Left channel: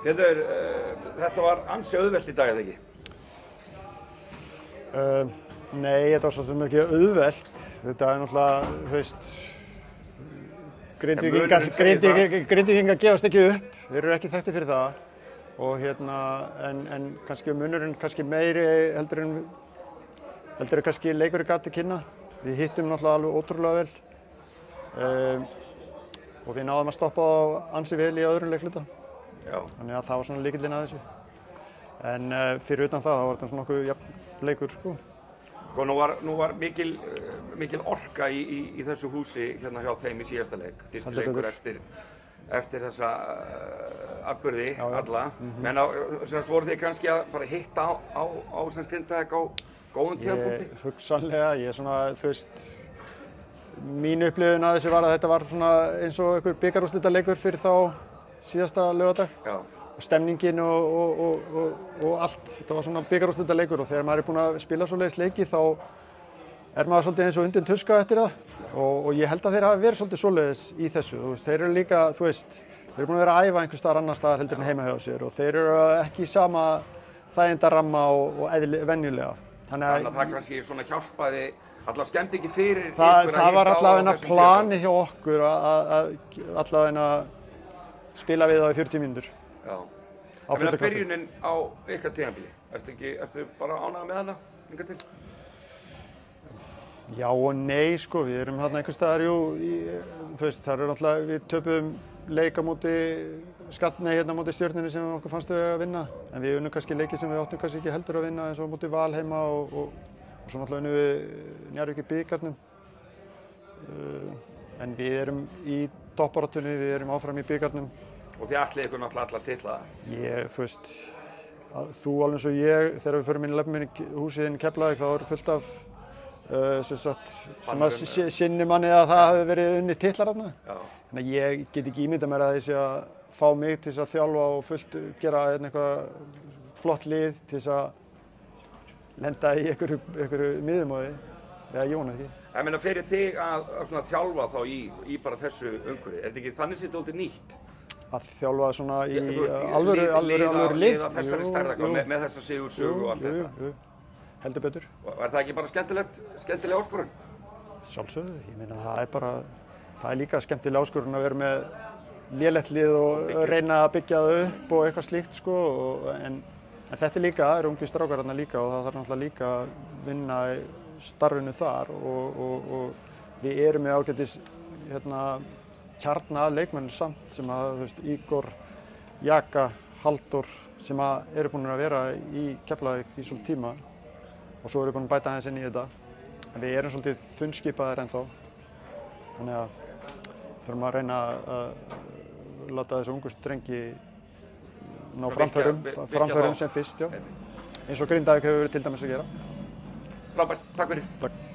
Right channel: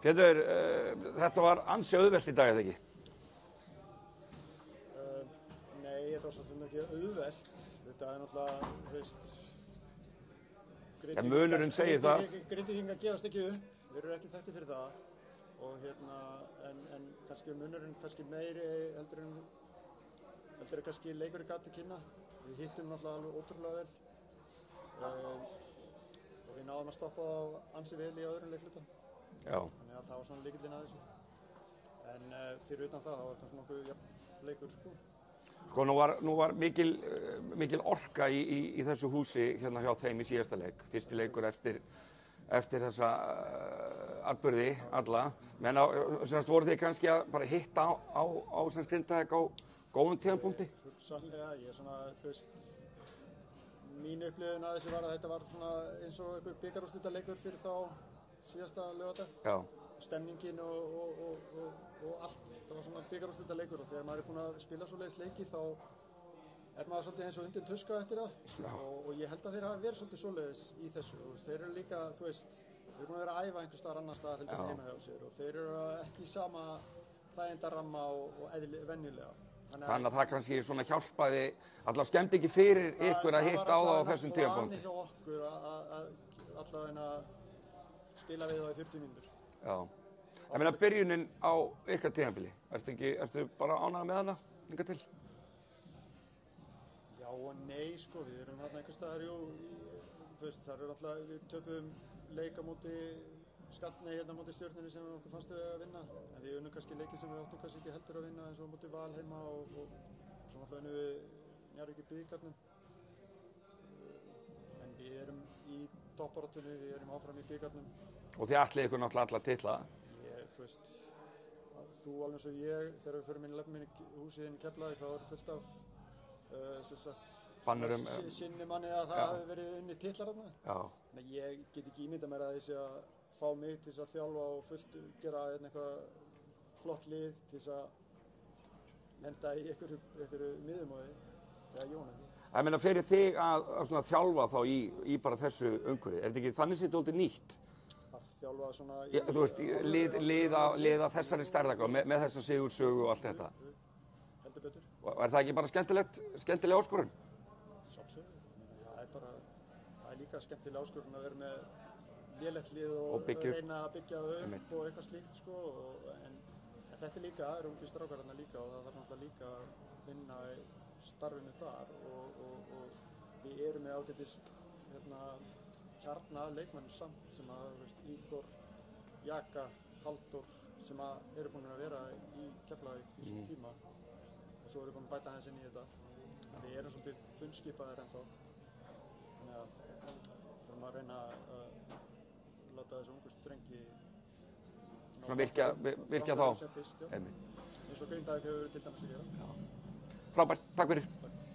Pétur, þetta var ansi auðvelt í dag, eða ekki? Nei, þetta var svo sem ekki auðvelt. Þetta náttúrulega, þú veist, Grindvíkingar gefast ekki upp. Þeir eru ekki þekktir fyrir það. Og en kannski munurinn kannski meiri heldur en kannski leikurinn gat til kynna. Við hittum náttúrulega alveg ótrúlega vel. Og við náðum að stoppa á ansi vel í öðrum leikluta. Já. Þannig að það var svona lykillinn að þessu. En fyrir utan það var þetta svona nokkuð jafn leikur, sko. Sko, nú var mikil orka í þessu húsi hérna hjá þeim í síðasta leik. Fyrsti leikur eftir þessa atburði alla. Men voru þið kannski að bara hitta á Grindavík á góðum tímapunkti? Hugsanlega, ég svona, þú veist, mín upplifun að þessu var að þetta var svona eins og einhver bikarúrslitaleikur fyrir þá síðasta laugardag. Já. Og stemningin og allt, þetta var svona bikarúrslitaleikur og þegar maður er búinn að spila svoleiðis leiki þá er maður svolítið eins og undin tuska eftir það og ég held að þeir hafi verið svolítið svoleiðis í þessu. Þú veist, þeir eru líka, þú veist, þeir eru búin að vera að æfa einhvers staðar annar staðar heldur en heima hjá sér og þeir eru ekki í sama þægindaramma og venjulega. Þannig að það kannski svona hjálpaði allavega skemmdi ekki fyrir ykkur það var allavega plani hjá okkur að allavega spila við það í 40 mínútur. Já. Ég meina byrjunin á ykkar tímabili, ertu bara ánægður með hana hingað til? Já og nei, sko, við erum þarna einhvers staðar, þú veist, það eru náttúrulega, við töpum leik á móti hérna á móti Stjörnunni sem okkur fannst við að vinna, en við unnum kannski leiki sem við áttum kannski ekki heldur að vinna eins og á móti Val heima og svo náttúrulega unnum við Njarðvík í bikarnum. En við erum í toppbaráttunni, við erum áfram í bikarnum. Og þið ætlið ykkur náttúrulega alla titla? Þú veist, þú alveg eins og ég, þegar við förum inn í löpum inn í húsið inn í Keflavík, þá er fullt af sem að sinni manni að það hafi verið unni titlar þarna. Þannig að ég get ekki ímyndað mér að þessi að fá mig til þess að þjálfa og fullt gera eitthvað flott lið til þess að lenda í einhverju miðumóði, eða Jón ekki. Ég meina fyrir þig að svona þjálfa þá í bara þessu umhverfi, er þetta ekki þannig séð dálítið nýtt? Að þjálfa svona í alvöru lið? Liða þessari stærðargráðu með þessa sigursögu og allt þetta? Jú. Heldur betur. Og er það ekki bara skemmtileg áskorun? Sjálfsögðu, ég meina það er líka skemmtileg áskorun að vera með lélegt lið og reyna að byggja það upp og eitthvað slíkt, sko, en þetta er líka, það eru ungir strákar þarna líka og það þarf náttúrulega líka að vinna í starfinu þar og við erum með ágætis kjarna að leikmennir samt sem að, þú veist, Ígor, Jaka, Halldór sem að eru búin að vera í Keflavík í svolítið tíma og svo erum við búin að bæta aðeins inn í þetta. En við erum svolítið þunnskipaðir ennþá. Þannig að þurfum að reyna að láta þessu ungu strengi ná framförum sem fyrst, já. Eins og Grindavík hefur verið til dæmis að gera. Frábært, takk fyrir. Takk.